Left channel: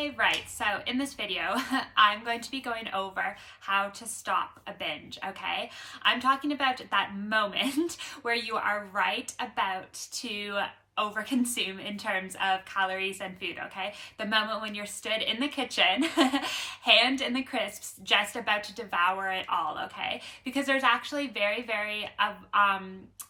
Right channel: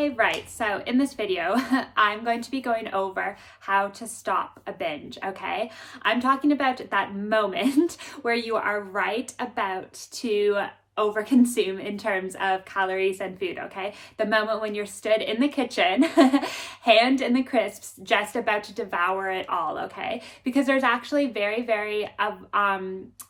Okay, right. So in this video, I'm going to be going over how to stop a binge, okay? I'm talking about that moment where you are right about to overconsume in terms of calories and food, okay? The moment when you're stood in the kitchen, hand in the crisps, just about to devour it all, okay? Because there's actually very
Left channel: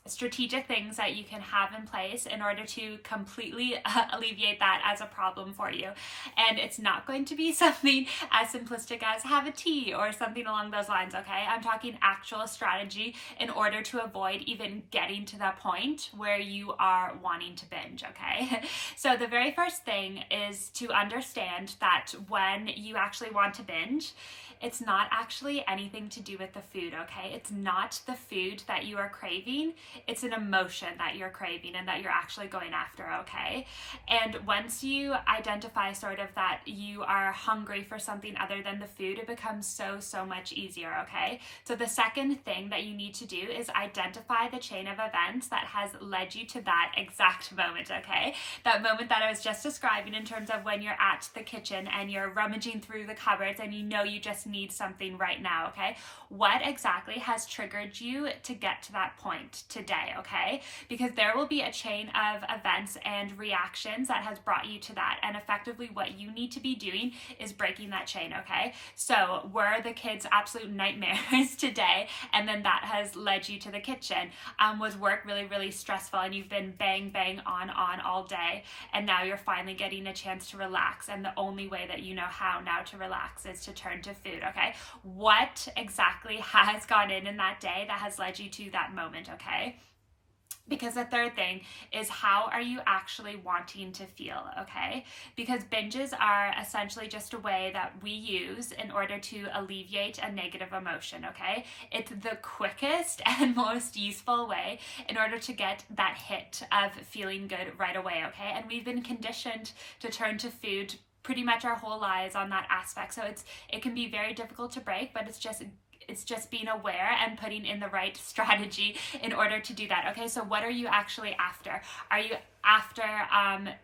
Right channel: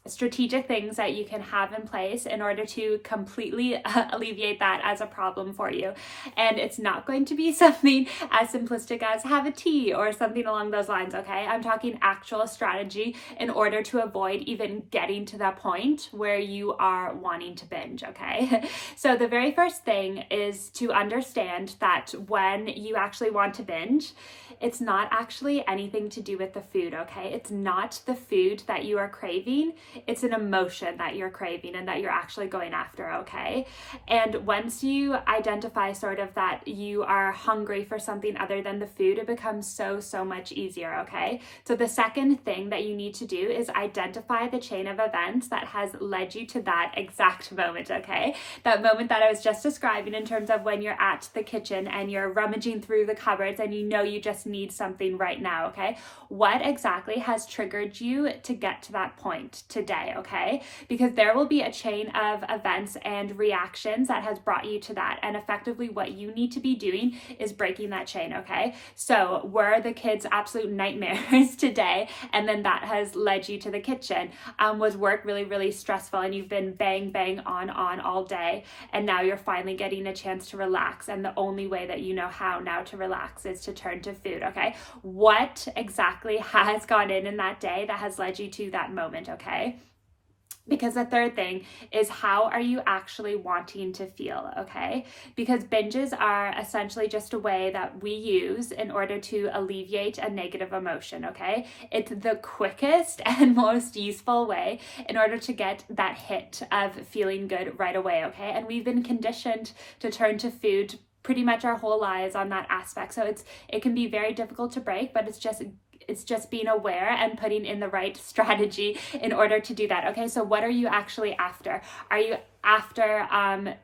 strategic things that you can have in place in order to completely alleviate that as a problem for you. And it's not going to be something as simplistic as have a tea or something along those lines, okay? I'm talking actual strategy in order to avoid even getting to that point where you are wanting to binge, okay? So the very first thing is to understand that when you actually want to binge, it's not actually anything to do with the food, okay? It's not the food that you are craving, it's an emotion that you're craving and that you're actually going after, okay? And once you identify sort of that you are hungry for something other than the food, it becomes so much easier, okay? So the second thing that you need to do is identify the chain of events that has led you to that exact moment, okay? That moment that I was just describing in terms of when you're at the kitchen and you're rummaging through the cupboards and you know you just need something right now, okay? What exactly has triggered you to get to that point today, okay? Because there will be a chain of events and reactions that has brought you to that, and effectively what you need to be doing is breaking that chain, okay? So were the kids absolute nightmares today, and then that has led you to the kitchen? Was work really stressful and you've been bang on all day, and now you're finally getting a chance to relax, and the only way that you know how now to relax is to turn to food, okay? What exactly has gone in that day that has led you to that moment, okay? Because the third thing is, how are you actually wanting to feel, okay? Because binges are essentially just a way that we use in order to alleviate a negative emotion, okay? It's the quickest and most useful way in order to get that hit of feeling good right away, okay? And we've been conditioned to turn to food pretty much our whole lives on that aspect. So it can be very difficult to break, but it's just being aware and putting in the right strategy in order to do that. Okay, so what are you actually after? Are you after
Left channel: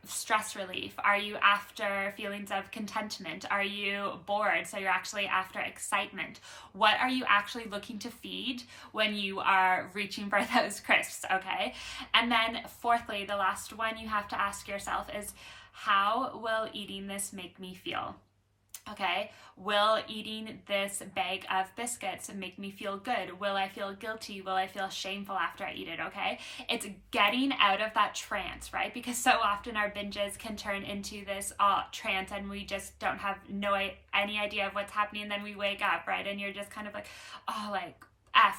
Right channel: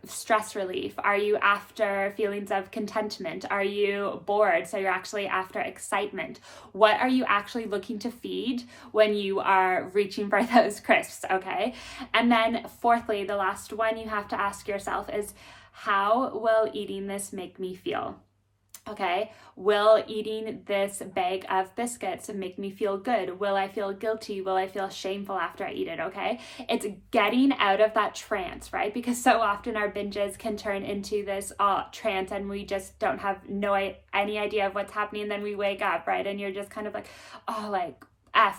stress relief? Are you after feelings of contentment? Are you bored? So you're actually after excitement. What are you actually looking to feed when you are reaching for those crisps? Okay, and then fourthly, the last one you have to ask yourself is, how will eating this make me feel? Okay, will eating this bag of biscuits make me feel good? Will I feel guilty? Will I feel shameful after I eat it? Okay, it's getting out of that trance, right? Because so often our binges can turn into this trance and we just don't have any idea of what's happening. And then we wake up, right? And you're just kind of like, oh, like,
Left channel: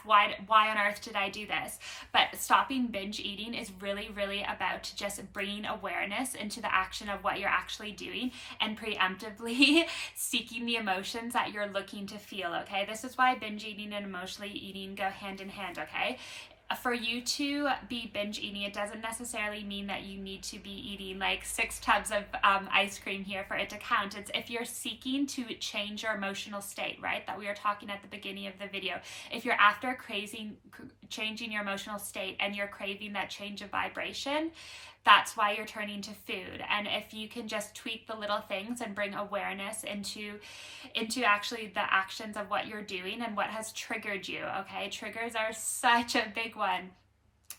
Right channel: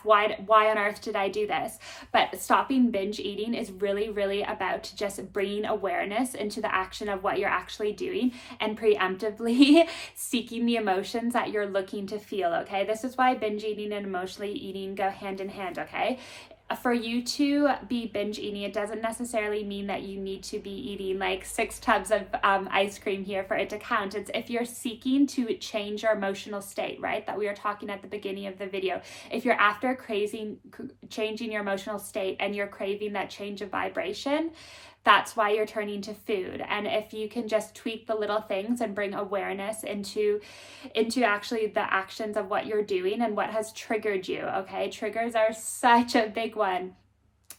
why on earth did I do this? But stopping binge eating is really about just bringing awareness into the action of what you're actually doing and preemptively seeking the emotions that you're looking to feel, okay? This is why binge eating and emotionally eating go hand in hand, okay? For you to be binge eating, it doesn't necessarily mean that you need to be eating like 6 tubs of ice cream here for it to count. It's if you're seeking to change your emotional state, right? That we were talking at the beginning of the video. If you're after changing your emotional state and you're craving that change of vibration, that's why you're turning to food. And if you can just tweak the little things and bring awareness into actually the actions of what you're doing and what has triggered you, okay? Triggers are such a big one.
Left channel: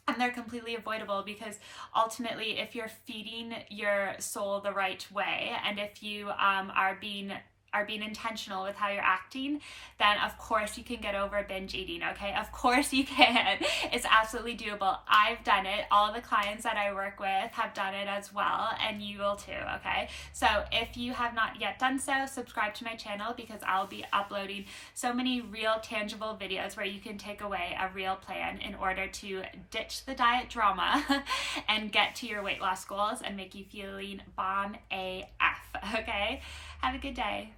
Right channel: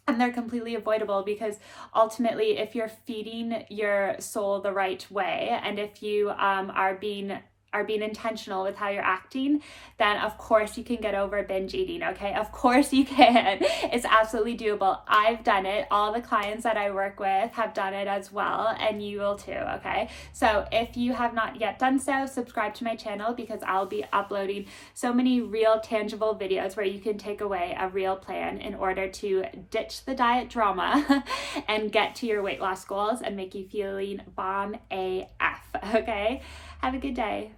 And they're completely avoidable, because ultimately, if you're feeding your soul the right way, and if you are being intentional with how you're acting, then of course you can get over binge eating, okay? Of course you can. It's absolutely doable. I've done it. All the clients that I work with have done it as well, and you will too, okay? So if you have not yet done so, subscribe to my channel, because I'll be uploading so many real tangible videos where you can take away a real plan in order to ditch the diet drama and get to your weight loss goals and make you feeling bomb AF, okay? Have a good day.